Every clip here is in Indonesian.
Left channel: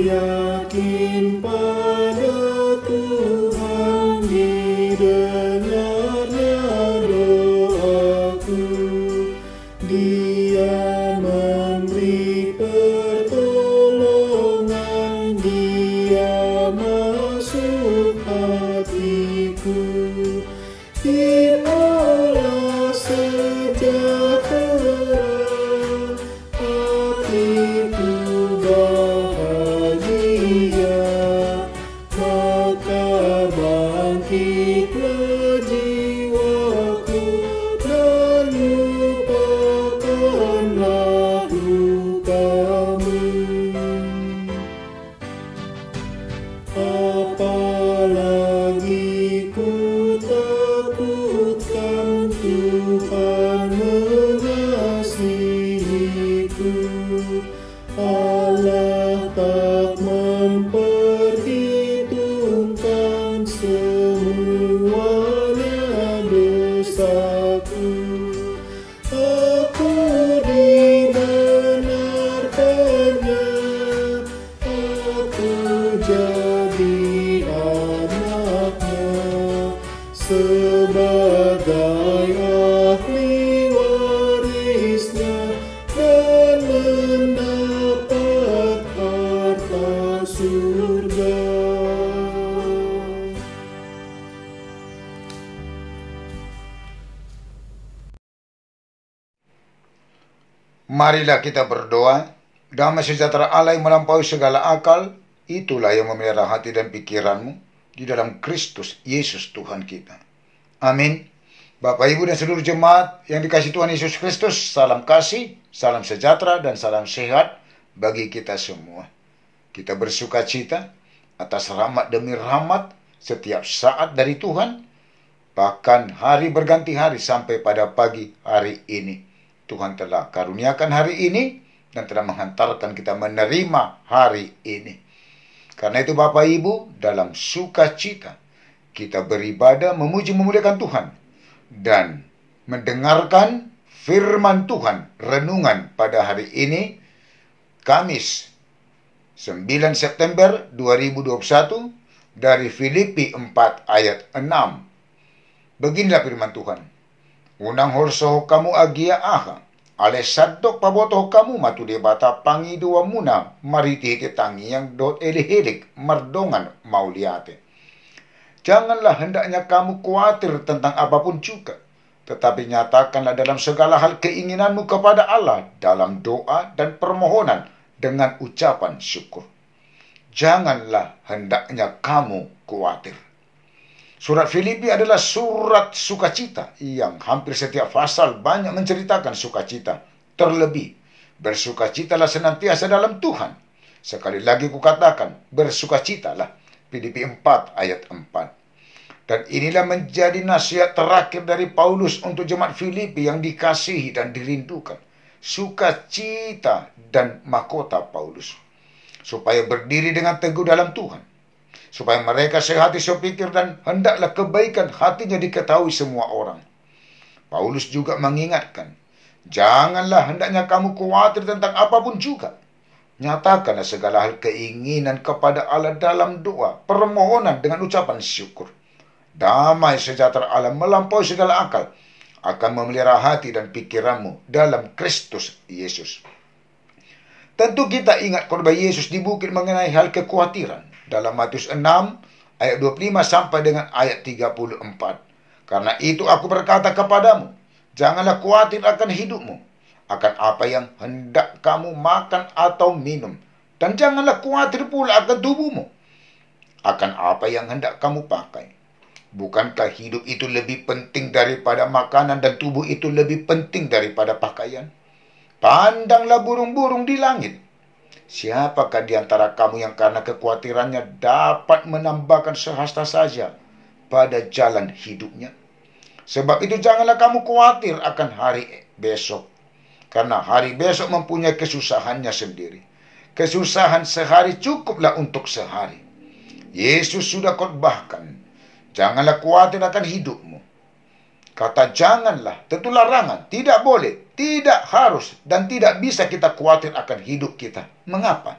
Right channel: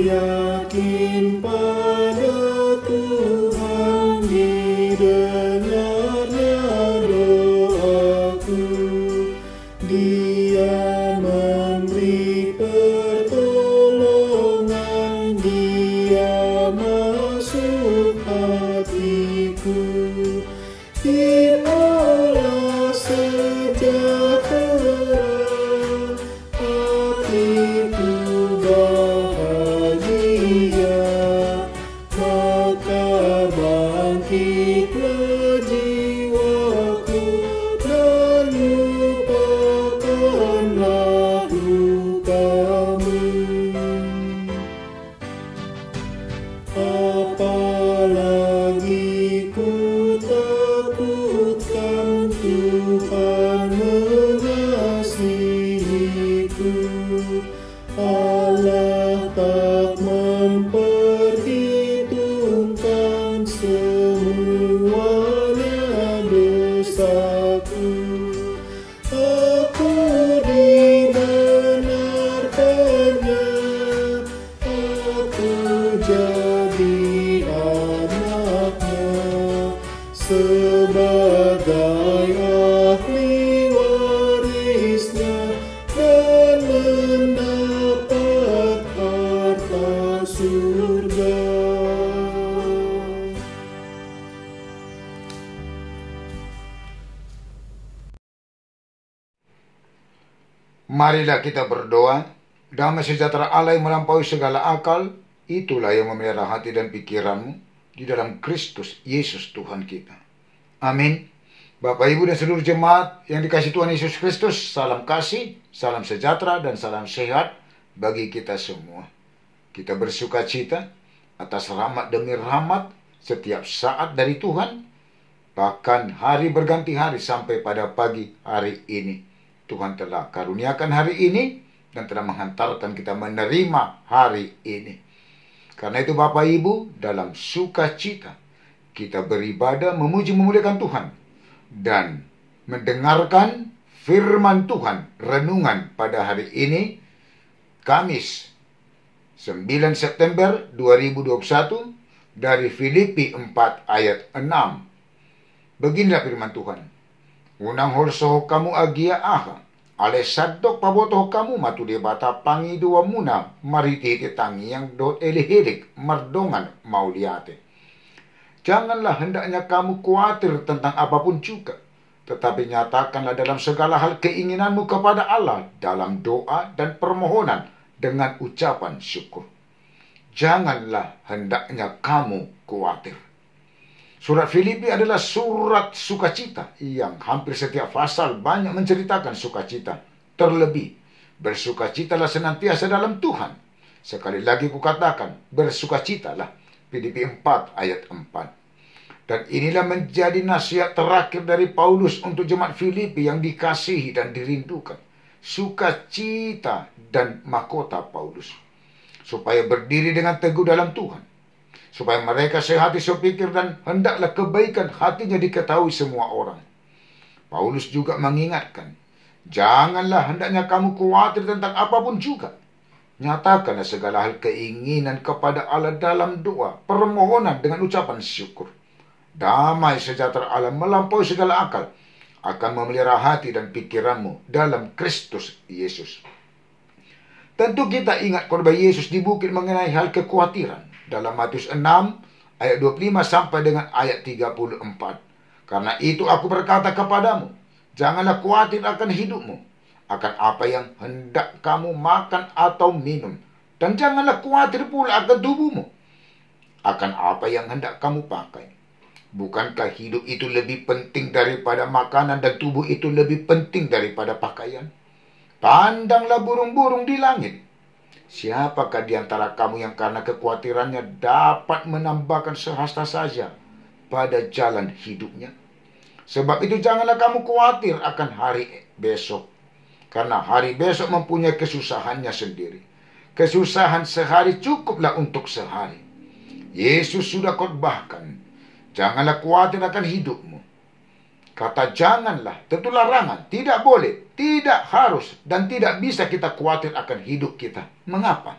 yakin pada Tuhan, didengarnya doaku. Dia memberi pertolongan, Dia masuk hatiku. Inilah sejahtera, hatiku bahagia, maka bangkitlah jiwaku dan lupakanlah lukamu. Apalagi ku takutkan, Tuhan mengasihiku. Allah tak memperhitungkan semuanya dosaku. Aku dibenarkannya, aku jadi anaknya, sebagai ahli warisnya, dan mendapat harta surga. Marilah kita berdoa. Damai sejahtera Allah yang melampaui segala akal, itulah yang memelihara hati dan pikiranmu di dalam Kristus Yesus Tuhan kita. Amin. Bapak, Ibu, dan seluruh jemaat yang dikasihi Tuhan Yesus Kristus, salam kasih, salam sejahtera, dan salam sehat bagi kita semua. Kita bersuka cita atas rahmat demi rahmat setiap saat dari Tuhan, bahkan hari berganti hari sampai pada pagi hari ini. Tuhan telah karuniakan hari ini dan telah menghantarkan kita menerima hari ini. Karena itu Bapak Ibu, dalam sukacita kita beribadah, memuji, memuliakan Tuhan, dan mendengarkan firman Tuhan, renungan pada hari ini, Kamis 9 September 2021, dari Filipi 4 ayat 6. Beginilah firman Tuhan. Unang horso kamu agia aha, ale sadok pabotoh kamu matu debata pangi dua muna, marititi tangi yang dot elihirik mardongan mauliate. Janganlah hendaknya kamu khawatir tentang apapun juga, tetapi nyatakanlah dalam segala hal keinginanmu kepada Allah dalam doa dan permohonan dengan ucapan syukur. Janganlah hendaknya kamu khawatir. Surat Filipi adalah surat sukacita yang hampir setiap pasal banyak menceritakan sukacita. Terlebih, bersukacitalah senantiasa dalam Tuhan. Sekali lagi kukatakan, bersukacitalah. Filipi 4 ayat 4. Dan inilah menjadi nasihat terakhir dari Paulus untuk jemaat Filipi yang dikasihi dan dirindukan. Sukacita dan mahkota Paulus. Supaya berdiri dengan teguh dalam Tuhan. Supaya mereka sehati sepikir dan hendaklah kebaikan hatinya diketahui semua orang. Paulus juga mengingatkan, janganlah hendaknya kamu khawatir tentang apapun juga. Nyatakanlah segala hal keinginan kepada Allah dalam doa, permohonan dengan ucapan syukur. Damai sejahtera Allah melampaui segala akal akan memelihara hati dan pikiranmu dalam Kristus Yesus. Tentu kita ingat khotbah Yesus di bukit mengenai hal kekhawatiran. Dalam Matius 6 ayat 25 sampai dengan ayat 34. Karena itu aku berkata kepadamu, janganlah khawatir akan hidupmu, akan apa yang hendak kamu makan atau minum. Dan janganlah khawatir pula akan tubuhmu, akan apa yang hendak kamu pakai. Bukankah hidup itu lebih penting daripada makanan dan tubuh itu lebih penting daripada pakaian? Pandanglah burung-burung di langit. Siapakah di antara kamu yang karena kekhawatirannya dapat menambahkan sehasta saja pada jalan hidupnya? Sebab itu janganlah kamu khawatir akan hari besok. Karena hari besok mempunyai kesusahannya sendiri. Kesusahan sehari cukuplah untuk sehari. Yesus sudah khotbahkan, janganlah khawatir akan hidupmu. Kata janganlah, tentu larangan, tidak boleh, tidak harus, dan tidak bisa kita khawatir akan hidup kita. Mengapa?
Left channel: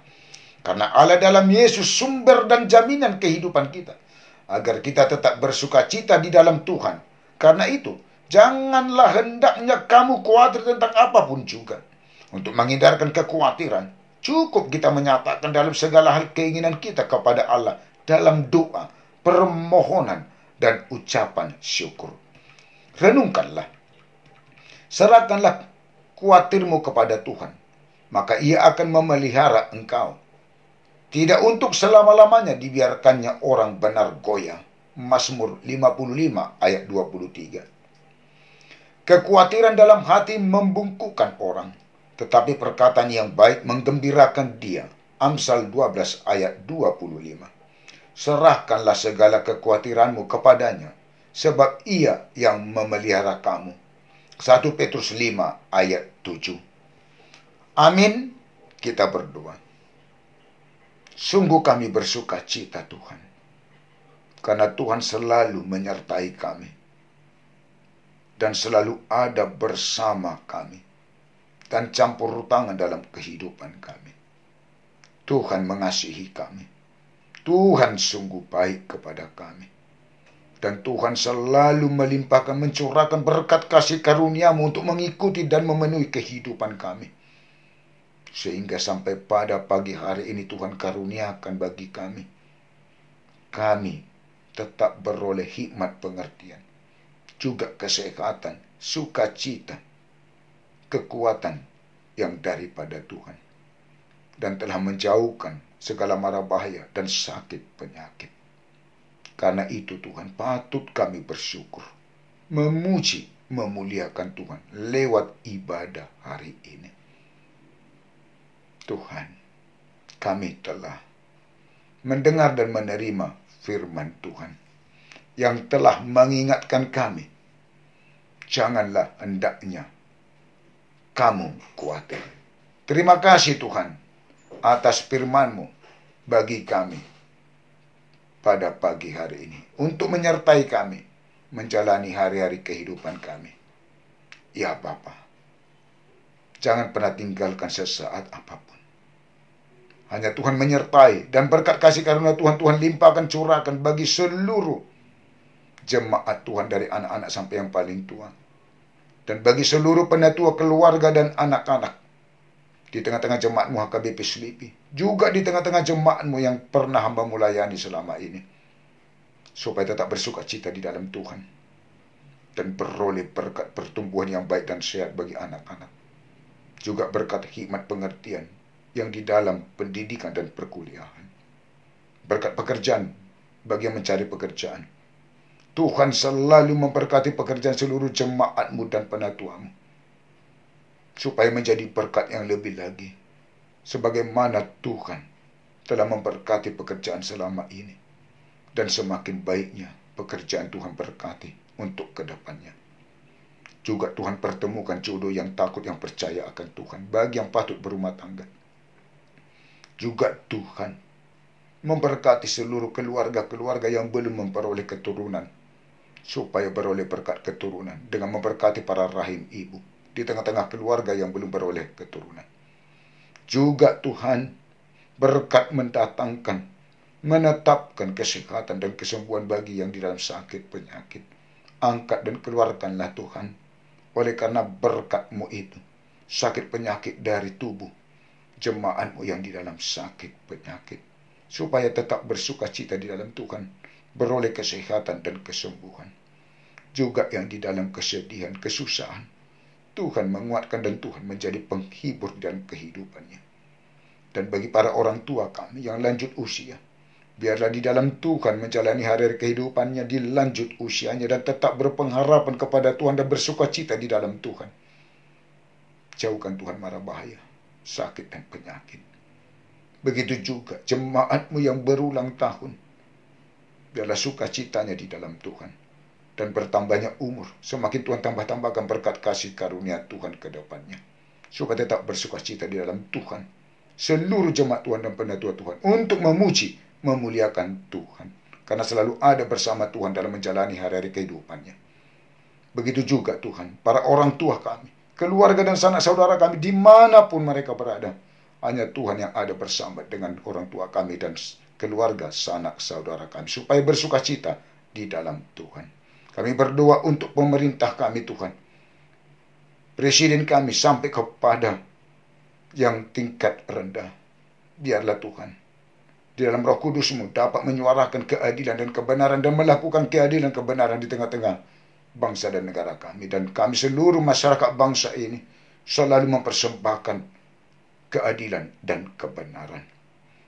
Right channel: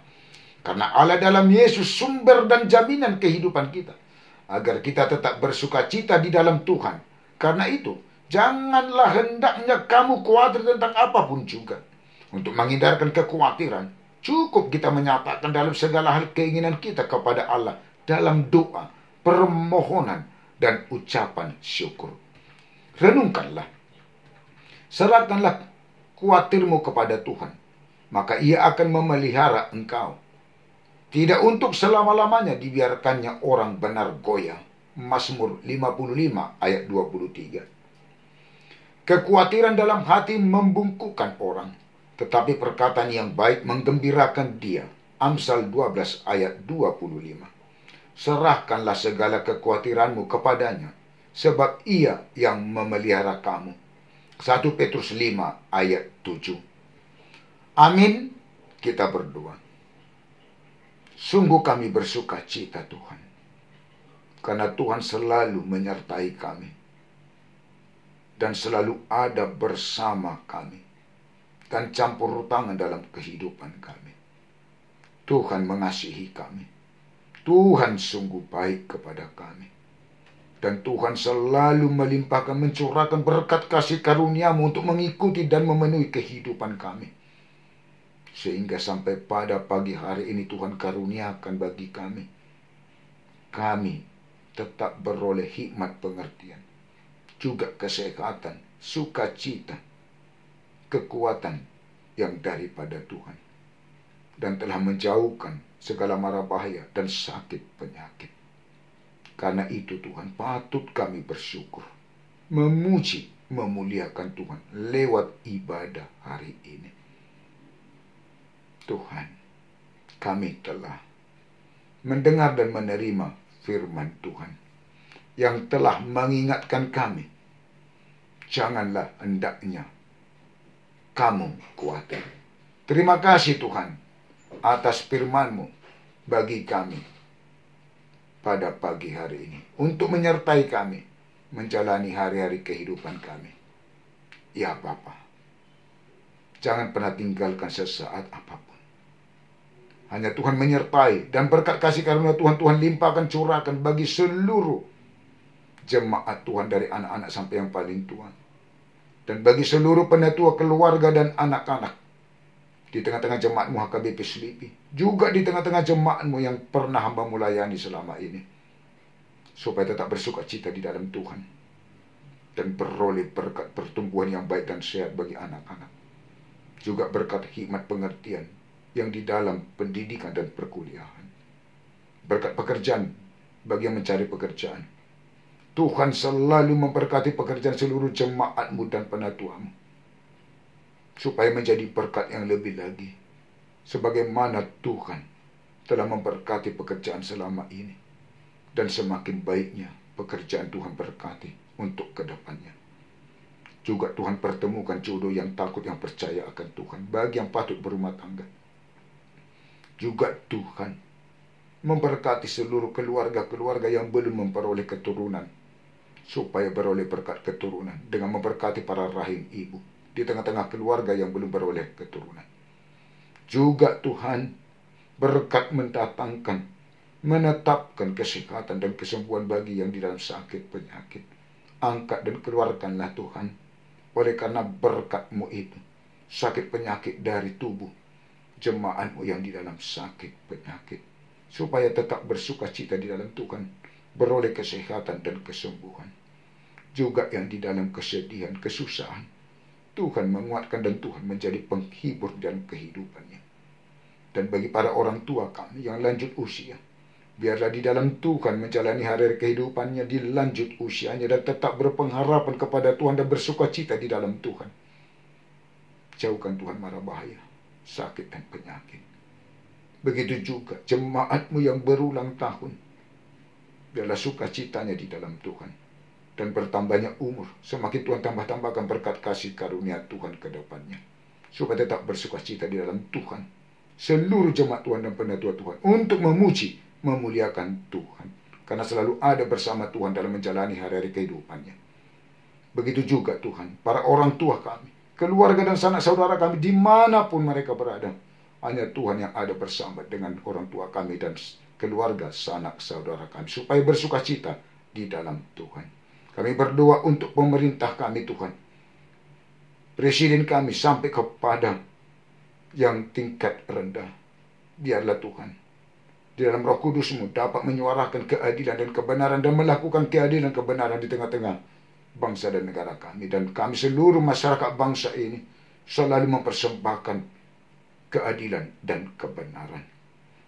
Karena Allah dalam Yesus sumber dan jaminan kehidupan kita, agar kita tetap bersuka cita di dalam Tuhan. Karena itu, janganlah hendaknya kamu khawatir tentang apapun juga. Untuk menghindarkan kekhawatiran, cukup kita menyatakan dalam segala hal keinginan kita kepada Allah dalam doa, permohonan, dan ucapan syukur. Renungkanlah, serahkanlah khawatirmu kepada Tuhan, maka Ia akan memelihara engkau. Tidak untuk selama-lamanya dibiarkannya orang benar goyah. Mazmur 55 ayat 23. Kekhawatiran dalam hati membungkukkan orang, tetapi perkataan yang baik menggembirakan dia. Amsal 12 ayat 25. Serahkanlah segala kekhawatiranmu kepadanya, sebab Ia yang memelihara kamu. 1 Petrus 5 ayat 7. Amin. Kita berdoa. Sungguh kami bersuka cita Tuhan, karena Tuhan selalu menyertai kami dan selalu ada bersama kami dan campur tangan dalam kehidupan kami. Tuhan mengasihi kami. Tuhan sungguh baik kepada kami. Dan Tuhan selalu melimpahkan, mencurahkan berkat kasih karunia-Mu untuk mengikuti dan memenuhi kehidupan kami. Sehingga sampai pada pagi hari ini Tuhan karuniakan bagi kami tetap beroleh hikmat pengertian, juga kesehatan, sukacita, kekuatan yang daripada Tuhan, dan telah menjauhkan segala mara bahaya dan sakit penyakit. Karena itu Tuhan, patut kami bersyukur, memuji, memuliakan Tuhan lewat ibadah hari ini. Tuhan, kami telah mendengar dan menerima firman Tuhan yang telah mengingatkan kami, janganlah hendaknya kamu khawatir. Terima kasih Tuhan atas firman-Mu bagi kami pada pagi hari ini, untuk menyertai kami menjalani hari-hari kehidupan kami. Ya Bapa, jangan pernah tinggalkan sesaat apapun. Hanya Tuhan menyertai, dan berkat kasih karunia Tuhan limpahkan, curahkan bagi seluruh jemaat Tuhan, dari anak-anak sampai yang paling tua, dan bagi seluruh penatua, keluarga, dan anak-anak di tengah-tengah jemaat-Mu HKBP Selipi, juga di tengah-tengah jemaat-Mu yang pernah hamba-Mu layani selama ini, supaya tetap bersuka cita di dalam Tuhan dan beroleh berkat pertumbuhan yang baik dan sehat bagi anak-anak, juga berkat hikmat pengertian yang di dalam pendidikan dan perkuliahan, berkat pekerjaan bagi yang mencari pekerjaan. Tuhan selalu memberkati pekerjaan seluruh jemaat-Mu dan penatua-Mu, supaya menjadi berkat yang lebih lagi, sebagaimana Tuhan telah memberkati pekerjaan selama ini, dan semakin baiknya pekerjaan Tuhan berkati untuk kedepannya. Juga Tuhan pertemukan jodoh yang takut, yang percaya akan Tuhan bagi yang patut berumah tangga. Juga Tuhan memberkati seluruh keluarga-keluarga yang belum memperoleh keturunan, supaya beroleh berkat keturunan, dengan memberkati para rahim ibu di tengah-tengah keluarga yang belum beroleh keturunan. Juga Tuhan berkat mendatangkan, menetapkan kesehatan dan kesembuhan bagi yang di dalam sakit penyakit. Angkat dan keluarkanlah Tuhan, oleh karena berkat-Mu itu, sakit penyakit dari tubuh jemaat-Mu yang di dalam sakit penyakit, supaya tetap bersuka cita di dalam Tuhan, beroleh kesehatan dan kesembuhan. Juga yang di dalam kesedihan, kesusahan, Tuhan menguatkan dan Tuhan menjadi penghibur dalam kehidupannya. Dan bagi para orang tua kami yang lanjut usia, biarlah di dalam Tuhan menjalani hari-hari kehidupannya di lanjut usianya, dan tetap berpengharapan kepada Tuhan dan bersuka cita di dalam Tuhan. Jauhkan Tuhan mara bahaya, sakit dan penyakit. Begitu juga jemaat-Mu yang berulang tahun, biarlah sukacitanya di dalam Tuhan, dan bertambahnya umur, semakin Tuhan tambah-tambahkan berkat kasih karunia Tuhan ke depannya, supaya tetap bersukacita di dalam Tuhan. Seluruh jemaat Tuhan dan penatua Tuhan untuk memuji, memuliakan Tuhan, karena selalu ada bersama Tuhan dalam menjalani hari-hari kehidupannya. Begitu juga Tuhan, para orang tua kami, keluarga dan sanak saudara kami dimanapun mereka berada, hanya Tuhan yang ada bersama dengan orang tua kami dan keluarga, sanak saudara kami, supaya bersuka cita di dalam Tuhan. Kami berdoa untuk pemerintah kami Tuhan, presiden kami sampai kepada yang tingkat rendah. Biarlah Tuhan di dalam Roh Kudus-Mu dapat menyuarakan keadilan dan kebenaran dan melakukan keadilan kebenaran di tengah-tengah bangsa dan negara kami. Dan kami seluruh masyarakat bangsa ini selalu mempersembahkan keadilan dan kebenaran.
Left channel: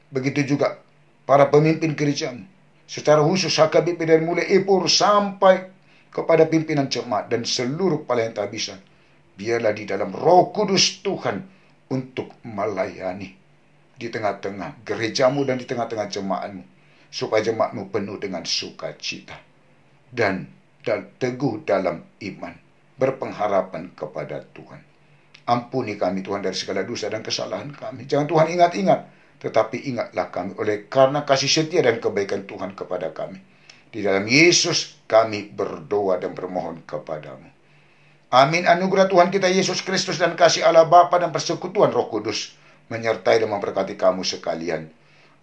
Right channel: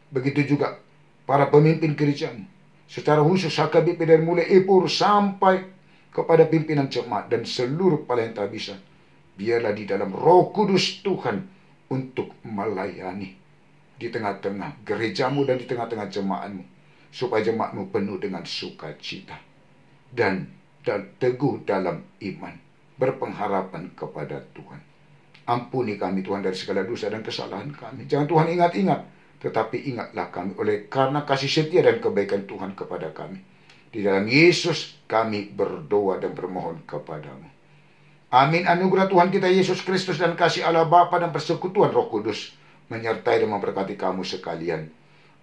Begitu juga para pemimpin gereja-Mu, secara khusus HKBP dari mulai Epur sampai kepada pimpinan jemaat dan seluruh pelayan tabisa. Biarlah di dalam Roh Kudus Tuhan untuk melayani di tengah-tengah gereja-Mu dan di tengah-tengah jemaat-Mu, supaya jemaat-Mu penuh dengan sukacita dan teguh dalam iman, berpengharapan kepada Tuhan. Ampuni kami Tuhan dari segala dosa dan kesalahan kami. Jangan Tuhan ingat-ingat, tetapi ingatlah kami oleh karena kasih setia dan kebaikan Tuhan kepada kami. Di dalam Yesus kami berdoa dan bermohon kepadamu. Amin. Anugerah Tuhan kita Yesus Kristus dan kasih Allah Bapa dan persekutuan Roh Kudus menyertai dan memberkati kamu sekalian.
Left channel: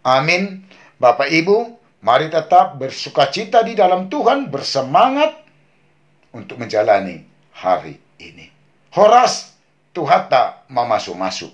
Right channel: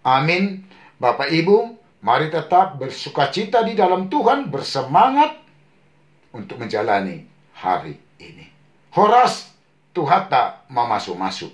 Amin. Bapak Ibu, mari tetap bersukacita di dalam Tuhan, bersemangat untuk menjalani hari ini. Horas Tuhata mamasu-masu.